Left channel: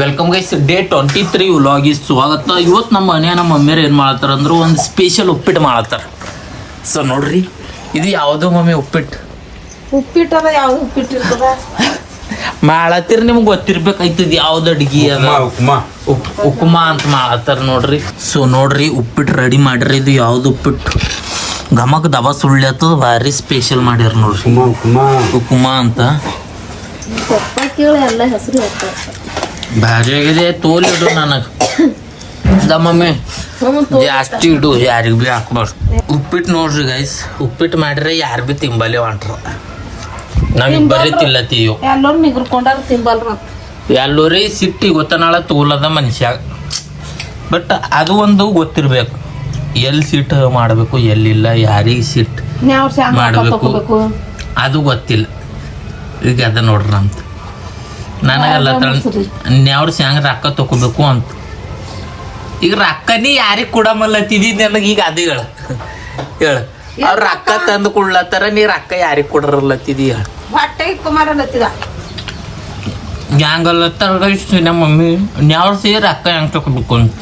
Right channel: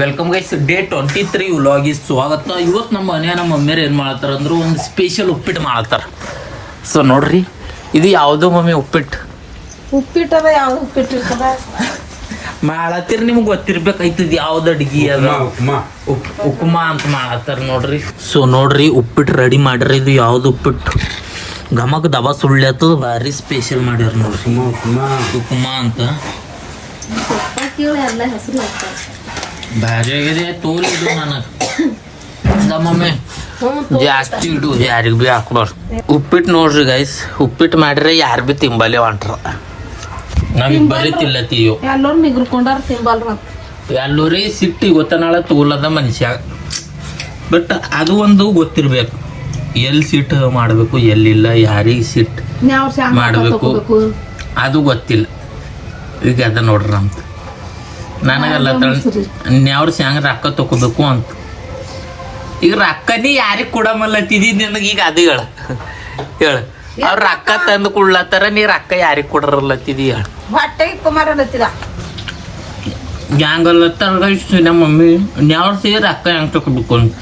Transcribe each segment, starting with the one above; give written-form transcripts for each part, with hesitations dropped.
Welcome guys, day 23 ವ್ಲಾಗಿಗೆ ಸ್ವಾಗತ. ಇವತ್ತು ನಮ್ಮ ಮನೆ ನಮ್ಮ ಮಮ್ಮಿಯರು ಏನು ಮಾಡತ್ತಾರ ಅಂದ್ರೆ ಒಂದು ಸ್ಪೆಷಲ್ ಉಪ್ಪಿಟ್ಟು ಮಾಡತ್ತಾರ. ಸೊ ನೋಡ್ರಿ, ಇದು ಯಾವುದೋ ಮಮ್ಮಿ ಉಪ್ಪಿಟ್ಟು ಯಾವ್ದು ಉಪ್ಪಿಟ್ಟು ಮಾಡತ್ತೀರಿ, ನಿಮ್ಗೆ ಗೊತ್ತಿರ್ಬೇಕಾಯ್ತದ ಯಾವ್ದು ಅಡ್ಗಿ ಅದ. ಉಪ್ಮಾ ಅಂತ ಮಾಡತ್ತಾರ ನೋಡ್ರಿ. ಸೊ ನೋಡ್ರಿ, ಉಪ್ಪಿಟ್ಟು ರೆಡಿ ಮಾಡ್ರಿ. ಇದು ಯಾವ್ದು ಉಪ್ಪಿಟ್ಟು ಘಮಕ್ ದಬಾ ಸುಳ್ಳ್ಯಾತದ, ಭಾರಿ ಸ್ಪೆಷಲ್ ಮಾಡ್ಯಾರ ನೋಡ್ರಿ. ಉಪ್ಮಾ ಅಂತ ಭಾರಿ ಆಗಿದೆ. ತೋಲ್ ಇಡು ನನಗೆ ಮಮ್ಮಿ, ಜಾಸ್ತಿ ಇಡು, ಯಾರಿಗೆ ಭೀ ಹಾಕ್ಬಾರ್ದು. ಉಪ್ಪಿಟ್ಟು ನೋಡ್ರಿ ಗೈಸ್, ಉಪ್ಪಿಟ್ಟು ಮಾಡ್ರೆ ಯಾರು ಭೀ ತಿಂಬಲ್ಲೇ ಹೊಂಟ್ರ. ನಾವೀಗ ಬರೀ ತಿಲ್ಲತ್ತೀಯೋ ಎಲ್ಲೋರಿ ಸಿಟ್ಟಿ ಗೊತ್ತನಾಳ ತೋಲದ ಮನುಷ್ಯ. ಬಟ್ ಅದು ಒಂದು ಗೊತ್ತಿರ್ಬೇಕು, ಎಲ್ಲಿ ಸಿಟ್ಟು ಮಾಡಬೇಕು ಎಲ್ಲಿಲ್ಲ, ಯಾರಿಗೆ ಸಿಟ್ಟು ಮಾಡಬೇಕು ಅದು ಗೊತ್ತಿಲ್ಲ. ಈಗ ಅದ ನೋಡ್ರಿ ನಮ್ದು. ನನಗೆಲ್ಲ ನ್ಯಾವ್ರ ಸ್ಯಾಂಗ್ ರೊಕ್ಕ ತಗೋಬೇಕು ಅಂತ. ಈಗ ರೊಕ್ಕನೇ ಯಾರಿಗೆ ಕೊಡಮಲ್ಲತ್ತಿದಿ ನನಗೆ. ಈಗ ಅದು ಹೇಳ ಅವ್ರ ರೊಕ್ಕ ತಂದು ಕೊಡ್ಲತ್ತಾರ, ನೀ ರೊಕ್ಕ ಯಾರಿಗೆ ಕೊಡ್ರಲ್ಲತ್ತಿದಿ ಹೇಳ. ಹ್ಯಾಂಗಲ್ಲತ್ತಾರ ನಮ್ಮ ಮಮ್ಮಿ ನ್ಯಾವ್ರ ಸೇ ರೊಕ್ಕ ಹೆಂಗ್ ತಗೋಬೇಕು ಅಂತ.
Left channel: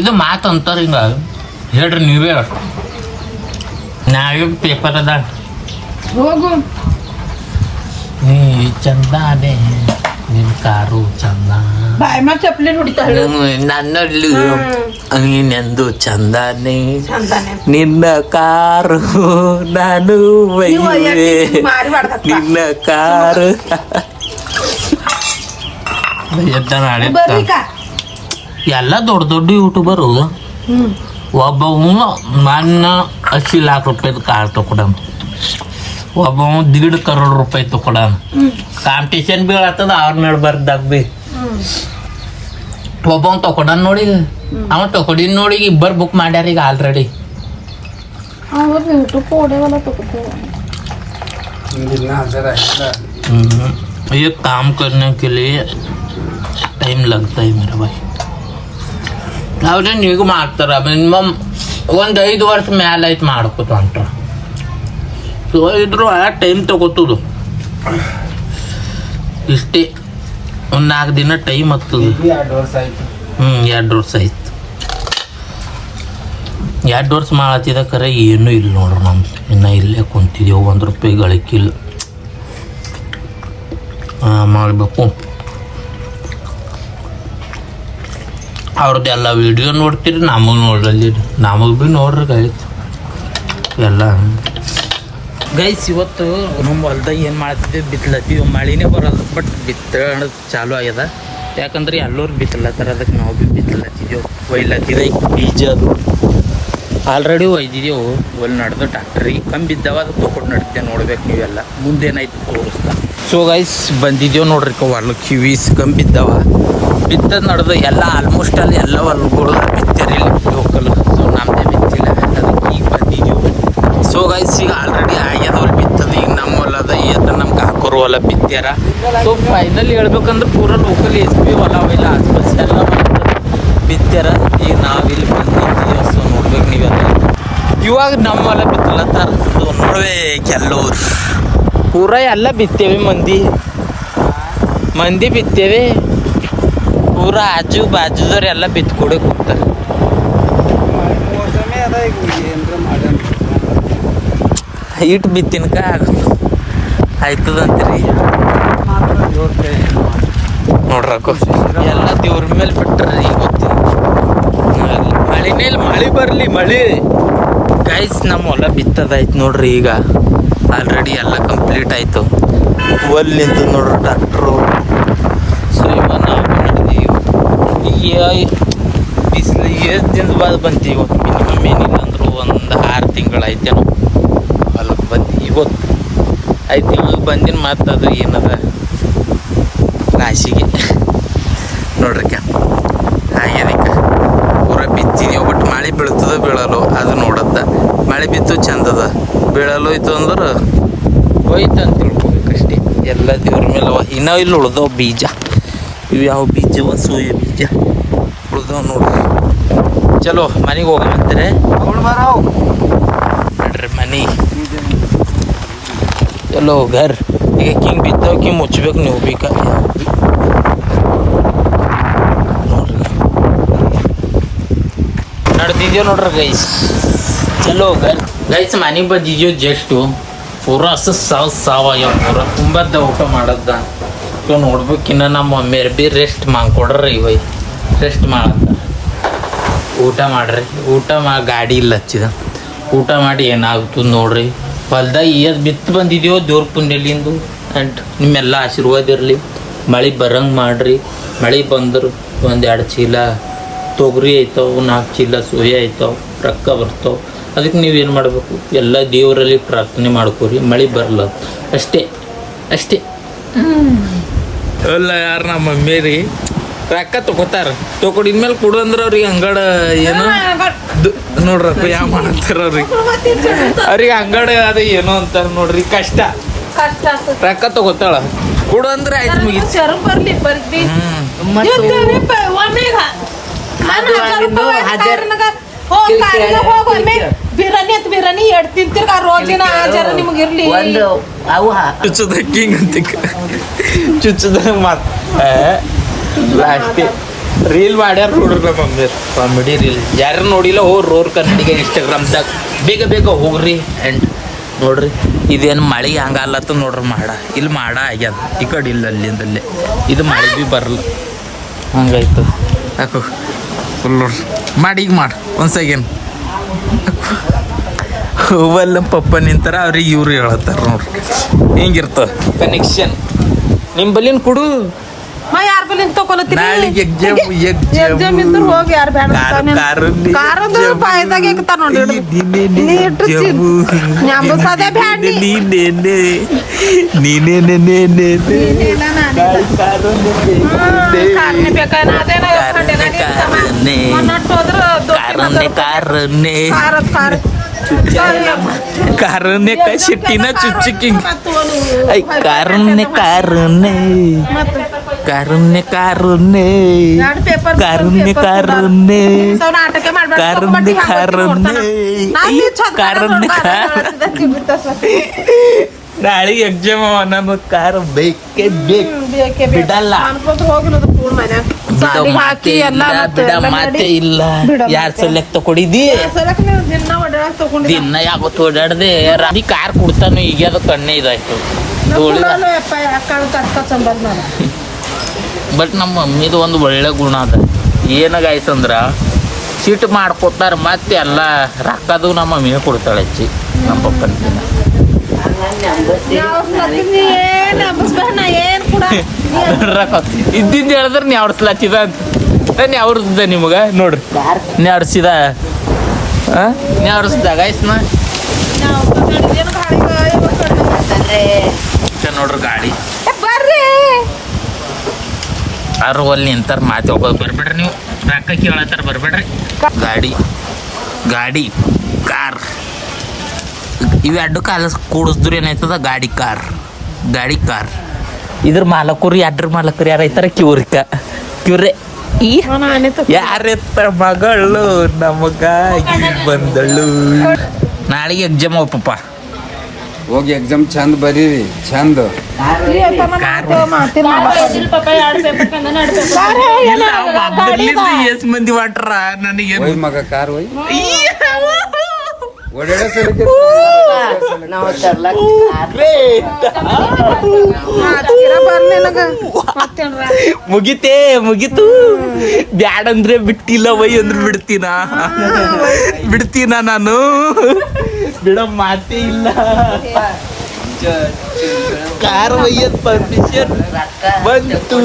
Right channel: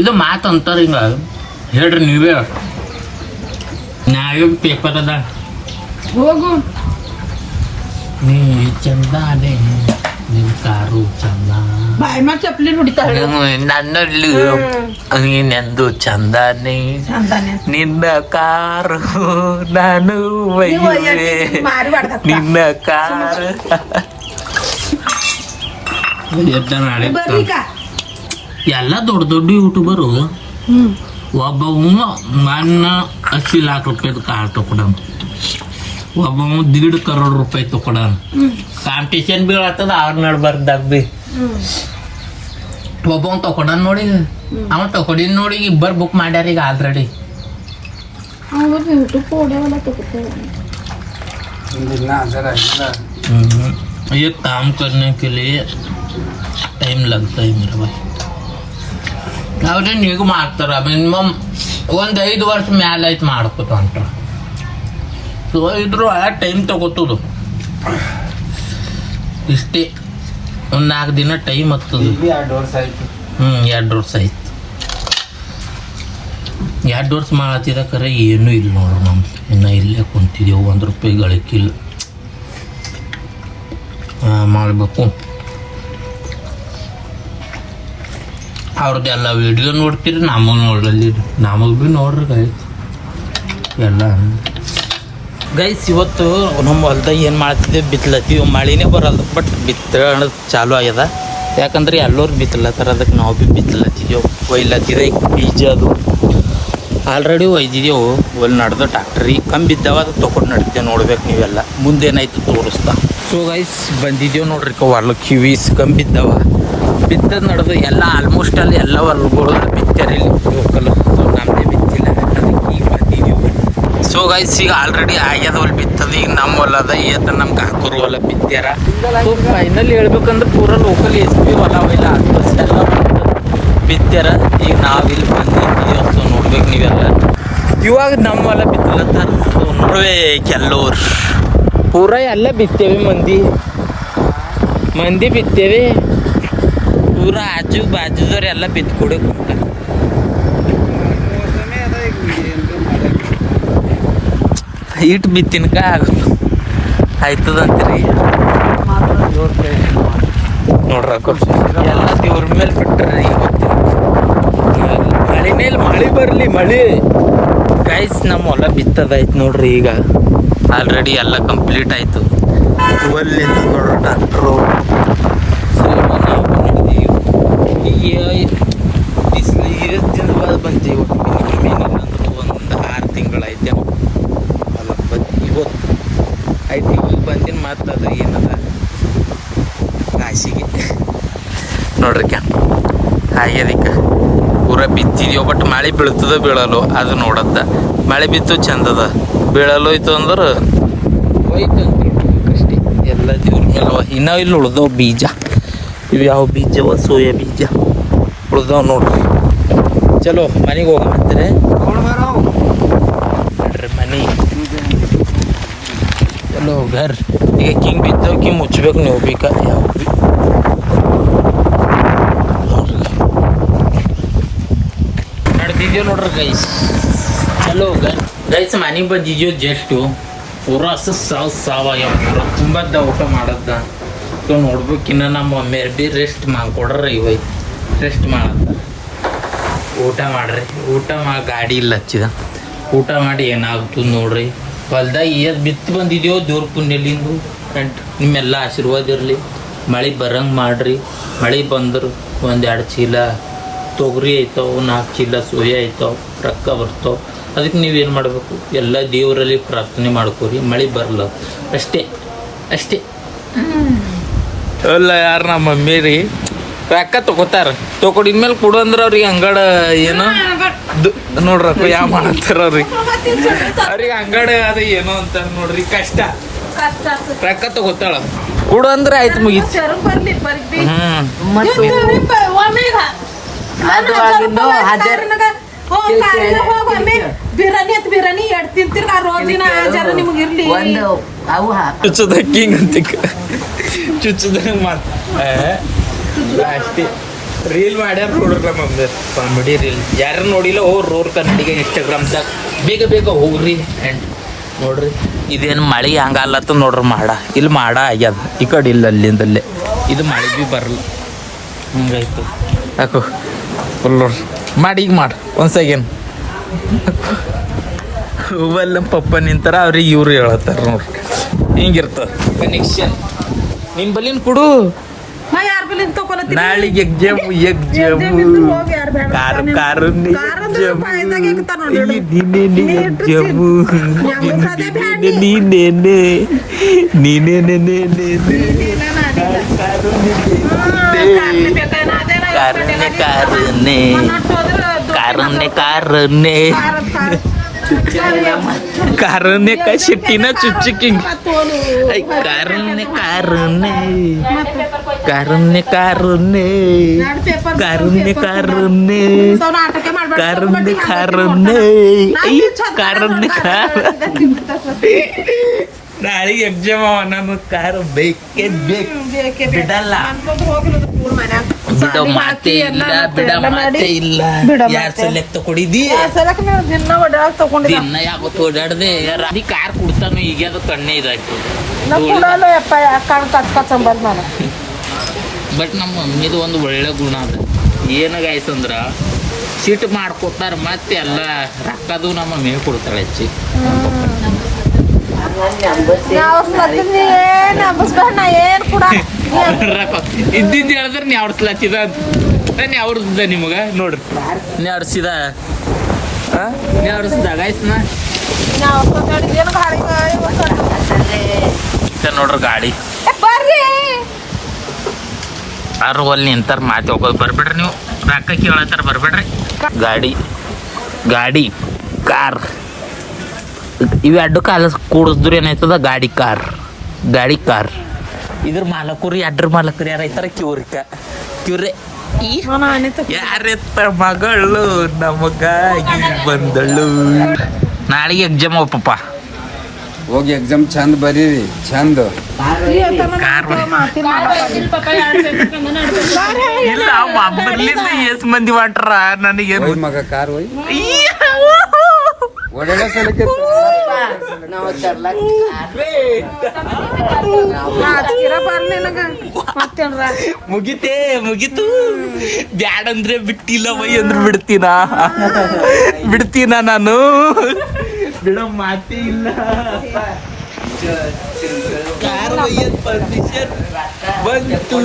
ಇದು ಮಾತು ಅಂತಾರ. ಹಿಂಗ ಹೇಳ್ರಿ ನೀವೇ. ನಾವೇ ಪೇಪರ್ ಅದ ಹೋಗು ನೀ ಚಂದಾನೆ ನಿನ್ ಕಾರು ಚಂದ, ಚಪ್ಪಲಿ ನನ್ನಲ್ಲಿ ನೀನೆಂದು ಚಂದಾನೆ, ನಿನ್ನ ಕಾರು ನಾನು ಒಯ್ಯುವೆ, ನಿನ್ನ ಕಾರು ಎಲ್ಲ ದೊಡ್ಡ ದೊಡ್ಡ ಯೂಟ್ಯೂಬರು. ಒಬ್ಬ ನನ್ನ 80 लाख ರೂಪಾಯಿದ ಕಾರ್ ತಕೊಡ, ಒಬ್ಬ 1.5 ಕರೋಡ್ ರೂಪಾಯಿ ತಕೊಡಾನ. ಕಾಂಪಿಟೇಷನ್ ಬೀಳತ್ತದ ಅವ್ರ ನಡ್ಬಾರ್ದಾಗ ಬಿ. ಒಬ್ಬ ತಕೊಡಾನ ನೋಡಿ, ಅವ ತಕೊಡಿನ ನೋಡಿ ಇಬ್ಬರು ಬುಕ್ ಮಾಡ್ಯಾರ ಈಗ ಆಲ್ರೆಡಿ. ये काम करने के लिए टाइम लगता है मेरा भाई. ಅವ್ರೆ ನೀಗೂ ಮಾಡ್ತಾರ. ಮಿನಿಮಮ್ 1-5 ವರ್ಷ ಮ್ಯಾಲ ಐತೆ ಮಾಡ್ಕೋತ ಹೊಂಟಾರ. ಸೊ ಇದ್ರು ಆ ಟೈಮ್ ತಗೋತದು ಇಷ್ಟೇ. ಒಂದು 4 ದಿನ ಟೈಮ್ ಹತ್ತದ. 2 ವರ್ಷ ಆಯ್ತು. 2 ವರ್ಷ ಮಾಡತ್ತಿದ ಖರೆ ಏನೂ ಇಲ್ಲ ನೋಡ್ರಿ. ನಮ್ದು ಇನ್ನು ಇಲ್ಲೇ ಕುಂತಿದ್ದೇವೆ, 1 ರೂಪಾಯಿ ಗಳಿಕಿಲ್ಲ. ಮಾಡಬೇಕು. ಅವ್ರದ್ದೆಲ್ಲ ವಿಡಿಯೋ ನೋಡ್ತೀರಿ, ನಮಗೆ ನೋಡ್ರಲ್ಲಿ, ನಮಗೆ ಭೀ ನೋಡ್ರಿ ಗೈಸ್ ಎಲ್ಲ. ಗೈಸ್ ಇವತ್ತು ನಮ್ಮ ಹೊಲ್ದಾಗ ಏನು ಮಾಡ್ತಿದ್ದೀವಿ, ಬಿತ್ತಲತ್ತೀವಿ. ಮಳಿನೇ ಬರಲ್ಲ, ಬಟ್ ಬಿತ್ತೋದು ಚಾಲು ಆಗ್ಯದ. ಯಾಕಂದ್ರೆ ಎಲ್ಲರೂ ಬಿತ್ತಲತ್ತಾರ, ಅದಕ್ಕೆ ನಾವು ಭೀ ಬಿತ್ತಲತ್ತಿದ್ದೆವು. ಒಯ್ಲತ್ತಿರ ಈಗ ಬೀಜ ಅದು ಆಲ್ರೆಡಿ ಒಯ್ದಿದ್ದೆವು. ಒಲ್ಲಿ ನಡೆದು ಟ್ಯಾಕ್ಟ್ರಿ ಕಮ್ಮಿ ಬಿದ್ದಾವ, ಅದು ತೊಗೊಂಡು ನಡಿದ್ದೆ. ನೋಡ್ಬೇಕು ನೀವೆಲ್ಲ ಮುಂದೇನಾಯ್ತು ತೋರಿಸ್ತಾ. ಸೊ ಗೈಸ್ ಬಂದಿದ್ದೇವೆ ನೋಡ್ರಿ, ಹೊಲಕ್ಕೆ ಕಿವೀಸ್ ಕಮ್ಮಿ ಬಿದ್ದಾವ. ಬಿತ್ತದ ನಡೆದು ಎಲ್ಲ ಆಲ್ಮೋಸ್ಟ್ ಅಲ್ಲಿ ಎಲ್ಲ ಹೊಲ್ಗಳು ಬಿತ್ತಾರ. ಇಲ್ಲಿ ಲೋಕಲ್ ನಮ್ಮದೇ ಬಿತ್ತಿಲ್ಲ, ಅದಕ್ಕೆ ಈಗ ಬಂದಿದ್ದೆವು. ಸೊ ಗೈಸ್ ಈಗ ಆಲ್ರೆಡಿ ಆಗ್ಯದ ಹೊಲ ಬಿತ್ತದ. ಈಗ ನಮ್ಮ ಹೊಲದ ಏತ ನಮ್ಮ ಕಾಕೂರು ಹೊಲ ಬಿತ್ತಾರ. ಸೊ ಫೈನಲ್ ಹೇಳ್ಬೇಕಂದ್ರೆ ಪೂರ ಲೋಕಲ್ ಎಸ್ಪಿ ಹೊಲ ಇಲ್ಲ, ಆಸ್ಪಾಸ್ ಎಲ್ಲ ಬಿತ್ತಾರ. ಈಗ ನಾವಿಲ್ಲಿ ಬಂದಿದ್ದೇವೆ. ಸೊ ನೋಡ್ಬೇಕು ನೀವೆಲ್ಲ. ಇವಾಗ ನಮ್ಮ ಹೊಲ ಬಿತ್ತಲತ್ತಾರ. ಸೊ ನೋಡ್ವೆ ಕೆಲವ್ರು ಪೂರ ಎಲ್ಲ ಬಿತ್ತೇವೆ. ಮಂದಿ ಬಿತ್ತೇವೆ. ಪೂರ ಆಜು ಬಾಜುದವ್ರು ಎಲ್ಲ ಬಿತ್ಕೊಡೆ ಕೊಡ್ತಾರೆ. ಇಟ್ಟು ಬಿತ್ತಿನಕ ಆಯ್ತದಂತೀರಿ ನೋಡ್ರಕು. ಎಲ್ಲ ದೇವ್ರ ಮೇಲೆ ಬಿಟ್ರಿ. ಮಳಿನೇ ಮಳಿ ಬರಲಿ ಮಳಿ. ಗೈಸ್ ನಮ್ಮ ಹೊಲ ಬಿತ್ತದೈತೆ ನೋಡ್ರಿ. ಈಗ ಆಲ್ರೆಡಿ ಎಲ್ಲ ಕಂಪ್ಲೀಟ್ ಆಯಿತು. ಒಲ್ಲಿ ನಿಂತದ ನೋಡ್ರಿ ಟ್ರಾಕ್ಟ್ರು. ಸೊ ಈಗ ಬಿಸಿಲಿಗೆ ಎಷ್ಟು ದಿನದ ಬಾದ್ ಬಂತೀವಿ. ಇವತ್ತು ಮಿನಿಮಮ್ ಏನಿಲ್ಲ ಅಂದರೂ ಒಂದು 6 ತಿಂಗಳಾಯ್ತೇನೋ ಹೊಲಕ್ಕೆ ಬಂದು. ಇವತ್ತು 5 ತಿಂಗಳಿಗೆ ಬಂದಿನ ಮತ್ತು ಅದು ಏನದ ರಾಶಿಗೆ ನೋಡ್ರಿಕ ಹಾಗೆ ಅದಕ್ಕೆ ಪೂರ ಬಿತ್ತಿದೆವು. ಬಟ್ ಮಳೆ ಬೀಳ್ತದ ಬೀಳಲು ಅದು ನೋಡತ್ತ. ಮಳೆ ಬಿತ್ತು ಚಂದದ, ಬೀಳಲು ಹೋಯ್ತು ಅಂದ್ರೆ ಹೋಯ್ತು ಅಂತ ತಿಳ್ಕೊಬೇಕಷ್ಟೇ. ಎಲ್ಲ ದೇವ್ರ ಮೇಲೆ. ಇನ್ನೂ ಇಲ್ಲಿ ಉಳ್ದವು ಬೀಜ. ಇವು ಯಾವ ಬೀಜವ? ಸೋಯಾ ಬೀಜ ಉಳ್ದವ್ ನೋಡ್ರಿ. ಚಲೋ ಮನೆಗೆ ಹೋಗಂತೀರಿ ನೋಡ್ರಿ. ಮನೆ ಚಲೋ घर ಈಗ ಹಿಂಗೆ ಬಿದ್ದವ್ ಹಿಂಗೆ ಮುಚ್ಚಬೇಕು ನೀವು ಬೇಕಾ. ಬಂದಿದ್ದೇವೆ ನೋಡ್ರಿ ಗೈಸ್. ಚಲೋ ಗೈಸ್ ಮನೆಗೆ ಬಂದಿದ್ದೇವೆ ಜಸ್ಟು. ಪೂರ ಸಾವಯವ ಪೂರ ತುಂಬದ ಊಟ ಮಾಡದ್ದ. ಸೊ ನೋಡ್ಬೇಕಿನ್ನ ನಮ್ಮ ಮಮ್ಮಿಯರ್ ಬಿ ರೆಸ್ಟ್ ಮಾಡ್ಕೊಡ್ರಿ ಇವೈ ರೆಸ್ಟ್ ಮಾಡತ್ತ. ಊಟ ಮಾಡ್ರಿ, ಊಟ ಗಾಡಿ ಇಲ್ಲ ಹಚ್ಚಿದ. ಊಟ ಮಾಡಿ ಏನಾಗ್ತದೆ ನೋಡ್ರಿ. ಹೊಲ್ದಾಗ ಏದ್ ಬಿತ್ತು ಬಂದಿದ್ದೇವೆ ದೇವ್ರ ಪುಣ್ಯಲಿಂದು. ಆ್ಯಂಡ್ ನಿಮ್ಮೆಲ್ಲ ಆಶೀರ್ವಾದ ಇರಲಿ. ಮಳೆ ಬರಂಗೆ ಮಾಡ್ರಿ. ಮಳೆ ಬಂದ್ರೆ 1-2 ಚೀಲ ತೊಗರಿ ಐತಾವೆ, 4 ಚೀಲ ಸೋಯಾ ಐತಾವೆ, ರೊಕ್ಕ ಬರ್ತಾವೆ. ಅದಕ್ಕೆ ನೀವೇನು ಮಾಡಬೇಕು, ಎಲ್ಲ ದೇವರಲ್ಲಿ ಪ್ರಾರ್ಥನೆ ಮಾಡ್ಕೋರಿ ಮಳೆ ಬರಲ್ಲ ಅಷ್ಟೇ ಅಷ್ಟೇ. ಅಲ್ಲ ಯಾರು ನಮ್ಮ ಮಮ್ಮಿ ರೀ ರೊಕ್ಕ ತೊಗೋತಾರ, ತೊಗೊಂಡಿದ್ಮೇಲೆ ಕೊಡು ಅಂದ್ರೆ ಅವ್ರಿಗೆ ಅಂಗಡ ಏನೋ ನೋಡ್ರಪ್ಪ ಯಾವ ಮಾಡ್ತಾರ ಅವ್ರಿಗೆ ಅಂಗಡ ಅದ ಏನೋ ಅಂತಾರ ನೋಡ್ರಿ. ಕಷ್ಟ ರೊಕ್ಕ ತಗೋತಾಳ, ಕೊಡು ಅಂದ್ರೆ ಆಯ್ತು ಮುಗಿತು. ಬಿರಾನಿ ಎಡ್ ತಿಂತಿರ್ಗ ರೋಜಿನ ಜರ ನಿಮ್ಗೆ ಇರ್ಲಿ. ಚುಚ್ಚದ ಹಿಂಗ ಚುಚ್ಚದ ಮಾತ್ ಲಾಸ್ಟಿ ರೀಲ್ ಮಾಡ್ಯಾರ ನೋಡ್ರಿ ನಮ್ಮ ಮಮ್ಮಿ. ಕಾಮಿಡಿ ರೀಲ್ ಯಾರು ನೋಡಿಲ್ಲ ರೋರ್ ಕನ್ನಡಿಗ ಇನ್ಸ್ಟಾಗ್ರಾಮ್ದಾಗ ಬೇಗ ಬೇಗ ಹೋಗ್ರಿ. ಆ್ಯಂಡ್ ನೋಡ್ರಿ ಇದೇನು ಮಳೆ ಹಂಗಲ್ಲತ್ತ ನೋಡ್ರಿ. ಮಾಡ ಇಲ್ಲಿ ಮಾಡ ಆಗ್ಯದ, ಈ ಕಡೆ ಇಲ್ಲ ಅಲ್ಲಿಂದಲ್ಲೇ. ಇದು ಮಳೆ ಭೀ ಬರಲ್ಲ ಹಂಗಾಯ್ತು. ಯಾಕೋ ಫುಲ್ ನೋಡ್ರಿ ಮಾಡಿ ಈಗ ಮಾಡಿ ಒಂದು ಸೆಕೆಂಡ್ ಹೂವಲ್ಲ ನಮ್ಮ ಪಪ್ಪ ನಿಂತಾರ ಅವ್ರಿಗೆ ಇವ್ರು ಹೇಳತ್ತಾರ ನೋಡ್ರಿ. ಹಿಂಗಿರ್ತದೆ ಕನೆಕ್ಷನ್. ನಿಮ್ಮ ಬಲಿನ ಕೊಡು ನಾಳೆಗೆ ಎಕ್ಸಾಮ್ ಕಾರणे का शिट्टीना चुच्चिकिंग कारुण्य कारुण्य कारुण्य कारुण्य कारुण्य कारुण्य कारुण्य कारुण्य कारुण्य ನಾಳೆಗೆ ಎಕ್ಸಾಮ್ ನಮ್ಮ ಕಾರ್ ಬೇಕೇ ಬೇಕು, ಬಿಡಲ್ಲ, ಬಿಡೋ ಮಾತೆ ಇಲ್ಲ, ಬಿಡ ಮಾತೆ ಇಲ್ಲ. ಯಾರ್ ಸೆಲೆಕ್ಟ್ ತಗೊಂಡಿದ್ದಿ ದಿನ ಯಾವತ್ತು ಓಡಾಡ್ದೆ ಈ ಕಾರ್ ಕೊಡ್ತಾನು. ಈಗ ಅದು ಕಣ್ಣೆ ಇದಾಯ್ತು. ಬಟ್ ನಮ್ಮ ಮಮ್ಮಿದು ಒಂದು ಒಳ್ಳೆ ಗುಣ ಅದ. ಏನಾಗಾಯ್ತಂದ್ರ ಸಿಟ್ಟು ಮಾಡ್ಕೋತಾರ, ಮತ್ತೆ ಎಲ್ಲ ರೊಕ್ಕದು ನಮ್ಮ ಮಮ್ಮಿ ಕೊಡ್ತಾಳೆ ಹೆಚ್ಚಿ. ನಮ್ಮ ಪಪ್ಪನ ದಿನ ಇದ್ದಿಂದ ಹೇಳಿದ್ರೆ ನೀ ಅವ್ರಸ್ಲಾಚಿದ ನೀ ಅವ್ರಸ್ದ ನಿಮಗ ನೋಡ್ರಿ. ನೀ ಅವ್ರಸಿದ ನೀ ಅವ್ರಸ್ದಾಗ ಆಯ್ತನ ನೋಡ್ರಿ. ಗಾಡಿ ಅವ್ರು ಅಲ್ಲಿ ನಿಂತಾರ ಮಾತಿ ಹೋಗೋದು ಬರ್ಬಿಡ್ರಿ. ನೀವು ರೊಕ್ಕ ಕೇಳತ್ತಾರ ಬರ್ಬೇಡ್ರಿ. ಗಾಡಿ ಗಾಡಿ ಕಾರ್ ಇವು ಎರಡು ಕಾಲ ಕೂಡಿಸಿದ್ರು ಏನಾಯ್ತದ ಗಾಡಿ ಕಾರ್. ಗಾಡಿ ಕಾರ್ ಇದ್ರ ಮಾಲಕರು ಎಡ್ರ ಮಾಲಕರು ಯಾರೈತಾರ ಕಿವ್ರೆ ಯಾರೆತ್ತ ಮಗಳು ನಮಗಾಗಿ ಬಂದಳು. ನಾಳೆಗೆ ಎಕ್ಸಾಮ್ ಪಪ್ಪ ಹೋಗಿ ಎಕ್ಸಾಮ್ ಚಂದ ಬರೀರಿ ಚಂದ. ಎಸ್ ಮಂದಿ ಮಾಡ್ರ ನನಗೆ ಮಗ ಕಾರ್ ಹೋಯ್ ಮುಗಿತು ಬ್ಯಾಡಂದ್ರೆ ಬಿಟ್ಟಿಲ್ಲ ವೈ ಅಂದ್ರೆ ಬಿಡ್ತೀನ ನಾನು. ಬಿಡೋ ಮಾತೇ ಇಲ್ಲ. ಕಾರ್ ಒಯ್ಯದ್ ಪರ್ಮಿಷನ್ ಬಂತು.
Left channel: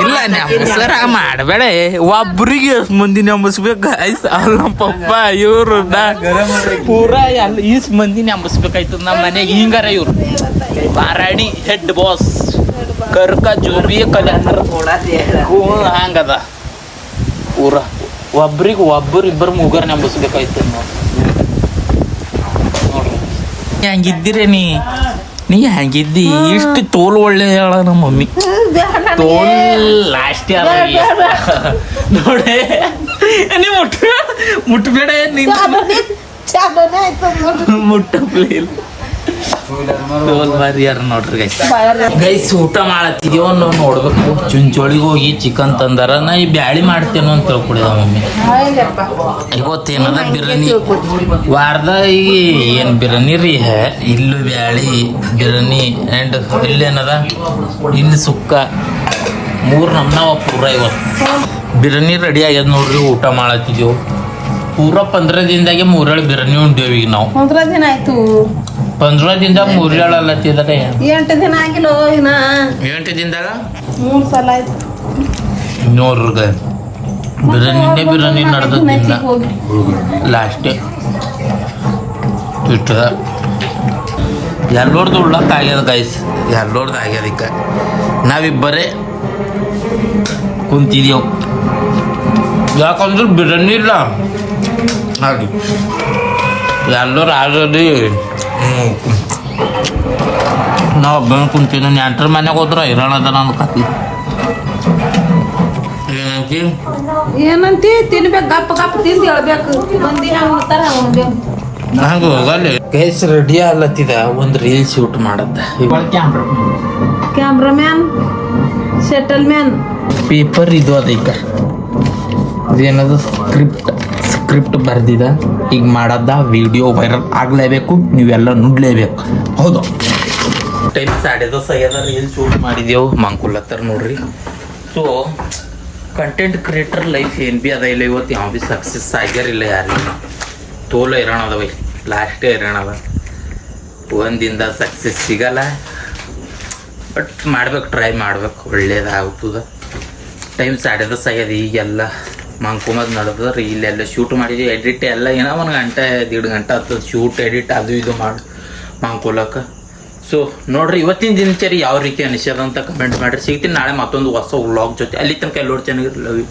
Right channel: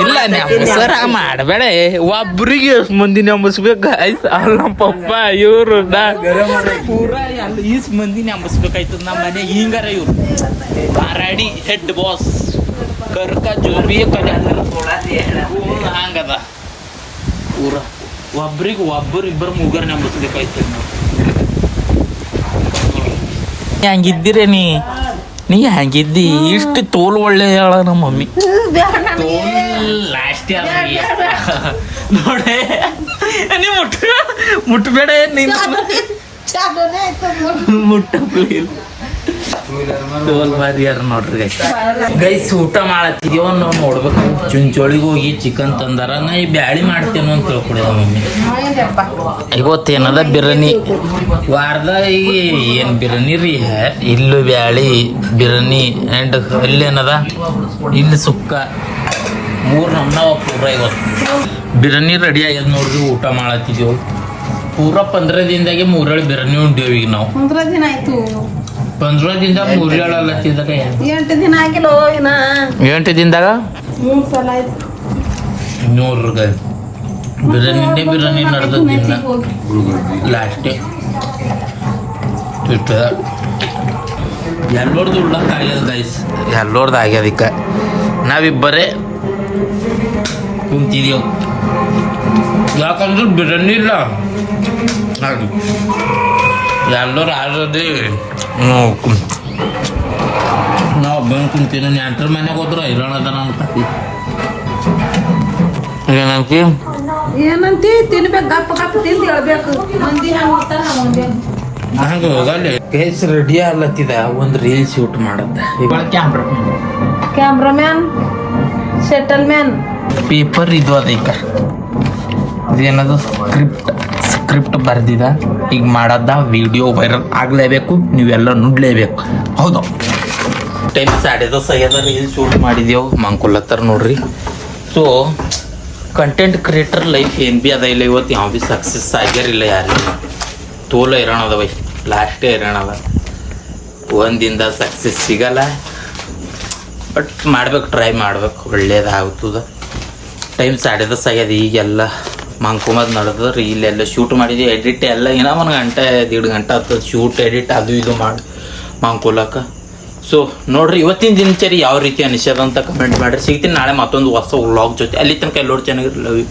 ಇಲ್ಲ ನೆಂಬಸರ ಮಾಡಬೇಡ, ಒಬ್ರಿಗೆ ಮಂದಿ ನೆಂಬಸ್ಬೇಕು. ನಮ್ಮ ಪಪ್ಪ ಇವ್ರು ಪೂರಾ ಎಲ್ಲ ಈಸ್ ಮಂದಿ ನೆಂಬಸ್ಬೇಕಾಯ್ತದ. ನಮ್ಮ ಮನೆಗೆ ಹಿಂಗಾರ ಇವ್ರು ಬಾರಾಡಿ ಹೆಡ್ ಬಾಸ್ ಕರ್ಕ ಜೋಬಿ ಕಲ್ಯಾಣ ಹಂಗದ. ಪೂರ ಒಬ್ಬರು ಇಬ್ಬರು ಮುಗರ್ ನೆಂಬಸ್ಬೇಕಾಯ್ತದ. ನೋಡ್ರಿ ಹಂಗಿದ್ದೀರೇ ನೀ ಹೆಂಗಿದ್ದಿ ಇಷ್ಟು ತೋಲ್ ಒಳ್ಳೆ ಹೇಳ ನಮ್ಮ ಮಮ್ಮಿ. ತೋಲ್ ಲಾಸ್ಟಿ ಅದ ನೋಡೆ. ನೀ ಮುಟ್ಟಬೇಡ, ನಿಂತ ಮುಟ್ಟಪ್ಲಿಲ್ಲ. ಟೋಲ್ ಬಾರಿ ಯಾರು ನೋಡ್ರಿ ಗೈಸ್ ಊಟ ಮಾಡತ್ತಿದ್ಯೋ ನಾವು ನೋಡ್ಬೇಕು. ಚುಂಚೋಳಿಗೆ ಹೋಗಿ ಚಿಕನ್ ತಂದಾರ. ನಾ ಈ ಬ್ಯಾಳಿ ಮಾಡ್ತೇನೋ ಅಂತ ತಿಳ್ಕೊಡಿದ ಮಮ್ಮಿ. ಇವತ್ತೇನದ ಬಿರಿಯಾನಿ ವಾರದಾಗ ಏನು ಬಿರಿಯಾನಿ ರೀ ಇಲ್ಲು ಬ್ಯಾಳಿ ಬಿರಿಯಾನಿ ಆ್ಯಂಡ್ ಇಲ್ಲೇನದ ಇಲ್ಲಿ ಸುಕ್ಕ 3 ನಮ್ನವ ಪೂರ. ಇವತ್ತು ಬಿರಿಯಾನಿ ರೆಡಿ ಆಗ್ಯದ ನೋಡ್ರಿ. ಊಟ ಮಾಡತ್ತಿದ್ದೆವು ಪೂರ 15 ದಿನದಾಗೆ 3 ಹೇಳಿ ಬಿರಿಯಾನಿ ಉಂಡೇವು. ಈಗ ನಾವು 15 ದಿನ ಆಯ್ತು. 15 ದಿನದಾಗ 3 ಹೇಳಲ್ಲತ್ತಿದ್ದಾಗ 8 ದಿನ ಆಗಿಲ್ಲ ಇನ್ನ 8 ದಿನದಾಗ 3 ಸಲ ಆಯ್ತು ನೋಡ್ರಿ. ಬಿರಿಯಾನಿ ನಡೆದಿಲ್ಲ ಲಾಸ್ಟೇ ಇಷ್ಟ ಎಲ್ಲೋರ್ದು ಉಳ್ಳಕ್ಕೆ ಆಗ್ಯದ ಗೈಸ್. ಎಲ್ಲೋರ್ದು ಆಗ್ಯದಕ್ಕೆ ನಾವಿಬ್ಬರೇ ಕುಂತಿದ್ದೇವು. ಯಾಕಂದ್ರೆ ಬಿರಿಯಾನಿ ಇಲ್ಲ ಹಾಗೆ ಎಲ್ಲರೂ ಆಲ್ರೆಡಿ ನಾವು ಒಬ್ಬನ ಕುಂತೀನಿ. ನೆಂಟ್ರ ಮನೆಗೆ ಹೋದ್ರೆ ಇರೋಣದ ನನ್ನ ಕತಿ. ಏನಂತಿ ಏನಂತಿ ತಿನ್ಬೇಕು ಗಪ್ಪ ತಿಂದು ಹೇಳ್ಬೇಕು. ಮಂದಿ ಹಂಗ ಒಂದೇ ಹಂಗೆ ಹೋಗಲ್ಲ ಗೈಸ್. ರೆಡಿ ಆಗ್ಲತ್ತಿದ ಒಂದು ರೀಲ್ ಶೂಟ್ ಮಾಡತ್ತ. ಇವಾಗ ಕ್ಯಾಮ್ರಾಮ್ಯಾನ್ ಸೆಟಲ್ಮ್ಯಾನ್ ಪೇಪರ್ ಇದು ಅದಕ್ಕ ಇದೇನದು ಸ್ಕ್ರಿಪ್ಟ್ ಬರ್ದಿದ. ಈಗ ಮಾಡದ ವಿಡಿಯೋ ವೈರಲ್ ಆಗಲೇಬೇಕು. ನೀವೆಲ್ಲ ನುಡ್ಲೇಬೇಕು. ಹೌದು ಟೈಮ್ 10:30 ರೀಲ್ ಶೂಟ್ ಮಾಡಿದೆವು ಮಂಕುಲತ್ತರ ನೋಡ್ರಿ. ಸೊ ಕಂಟೆಂಟ್ ಕ್ರಿಯೇಟರ್ ಲೈಫ್ ಏನು ಭೀ ಅದ ಇಲ್ಲ. ಇವತ್ತು ಯಾವ ಭೀ ಸಕ್ಸಸ್ ಆಗ್ಯಾರಿಲ್ಲ ಯಾರಿಲ್ಲ. ತೋಲ ಇರೋಣ ಅದ ಬೈ. ಲಾಸ್ಟೇ ಇರೋಣ ಅದ. ಒಂದಿಂದ ಸಕ್ಸಸ್ ಸಿಗಲ್ಲ ಬಟ್ ಮಾಡ್ಬೇಕು, ಟ್ರೈ ಮಾಡ್ಬೇಕು. ಒಳ್ಳೇದಾಗ್ತದ. ಟೈಮ್ 10:30 ಆಗ್ಯದ. ಈಗೆಲ್ಲ ಮಂಕುಮದ್ ನಡೆದ್ರೆ ಇಲ್ಲೆಲ್ಲ ಶೂಟ್ ಮಾಡಿದ್ವಿ. ಎಡಿಟ್ ಎಲ್ಲ ಏನೋ 1 ಗಂಟೆ 1.5 ಗಂಟೆ ಆಗ್ತದೆ. ಶೂಟ್ ಎಡಿಟ್ ಅದು ಇದು ಮಾಡಿ ಮಂಕುಲಕ್ಕೆ. ಸೊ ನೋಡ್ರಿ ಇವತ್ತಿನ ದಿನಚರಿ ಯಾವ ರೀತಿ ಅನಿಸ್ಯದ ಅಂತ ಕಮೆಂಟ್ ಮಾಡಿರಿ. ಸಿಗ್ತೀನಿ ನಾಳೆ ಮತ್ತೊಂದು ಹೊಸ ವ್ಲಾಗ್ ಜೊತೆ. ಅಲ್ಲಿ ತನಕ ಎಲ್ಲರೂ ಚೆನ್ನಾಗಿರಲಿ.